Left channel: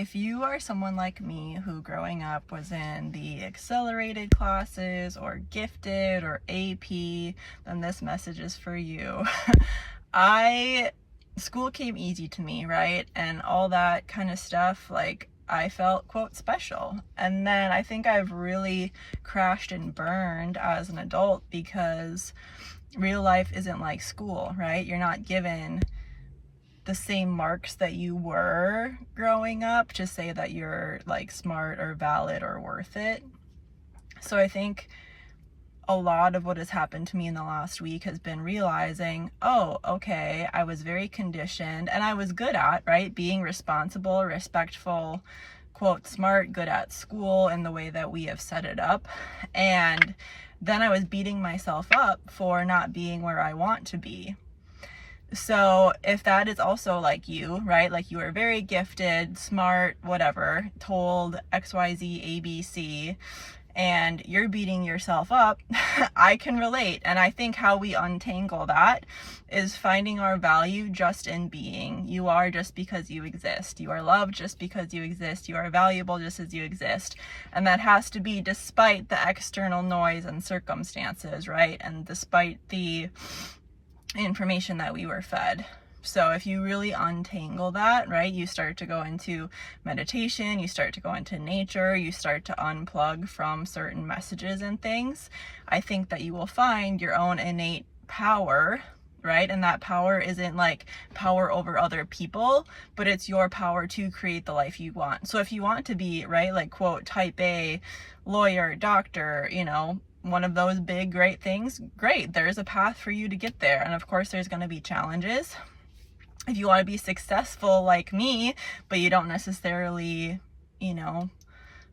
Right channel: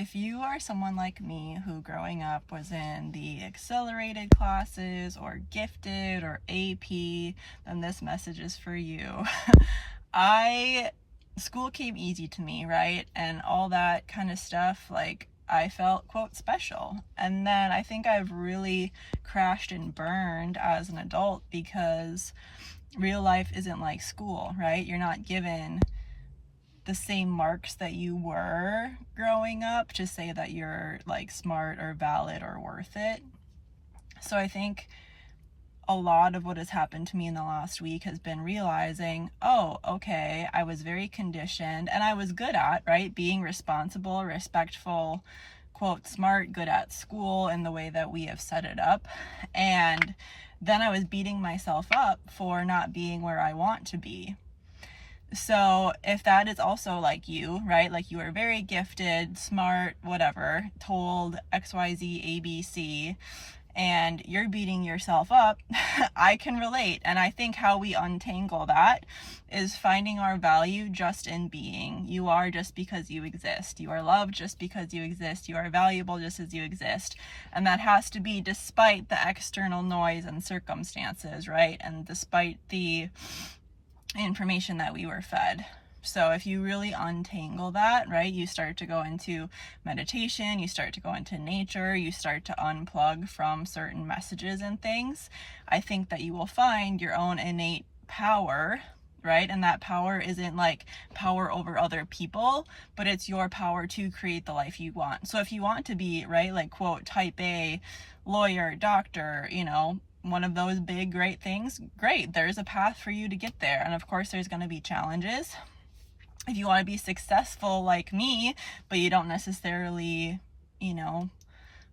if you are someone like me who growing up was in the accelerated classes or gifted or AP, then this message is for you. School came easy to me, right? And all that kind of stuff, like I felt, quote, special. And then I think I've really crashed and burned as an adult because real life isn't like school, right? You're not given the same marks that you were growing up to say that you're like smart or valid or worth it. So I think a lot of what has happened to me in the last week has been realizing, oh, okay, I was very conditioned and I was good at, right, being responsible, respectful, quote, smart, good at school in the way that we have set it up. And then I was beating myself up for not being where I want to be. So if that is also like you, right, like you are very gifted, smart, whatever, told XYZ, ABC, and you're beating yourself up, I can relate. And I think how we untangle that is finding our value just in being. You are just because you exist. You are loved just because you exist. You are valuable just as you exist. And that has to be despite the external noise and circumstances, right? And despite the information that we were fed. So if you really untangle that, right, you start to go into meditation, you start to go into nature, you start to unplug from certain messages and things, I think that you will find your own innate power, right? And that power isn't like power over other people, but it's your power to create the life you want. So if you want to be, right, like, quote, type A, lawyer, doctor, one of those big, great things, great. There's a path for you to get there. And of course, there's going to be challenges. If you want to be successful like me, but you don't necessarily,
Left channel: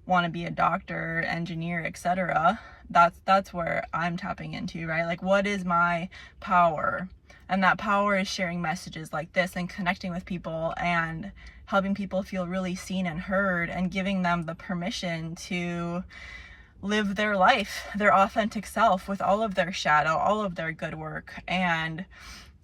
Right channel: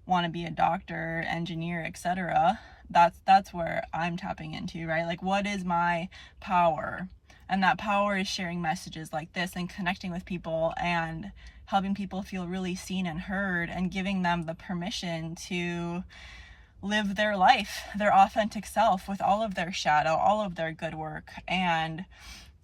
want to be a doctor, engineer, etc., that's where I'm tapping into, right? Like, what is my power? And that power is sharing messages like this and connecting with people and helping people feel really seen and heard and giving them the permission to live their life, their authentic self with all of their shadow, all of their good work, and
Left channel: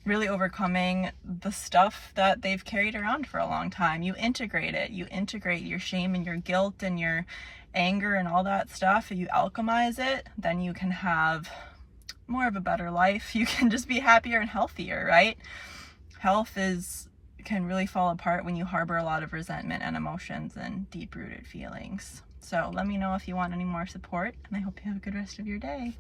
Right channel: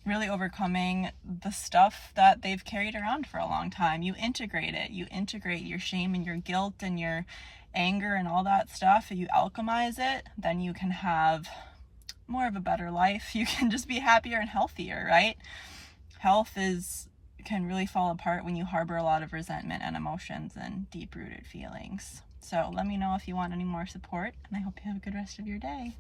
really overcoming the stuff that they've carried around for a long time. You integrate it. You integrate your shame and your guilt and your anger and all that stuff. If you alchemize it, then you can have more of a better life. You can just be happier and healthier, right? Health can really fall apart when you harbor a lot of resentment and emotions and deep-rooted feelings. So let me know if you want any more support, and I hope you have a good rest of your day.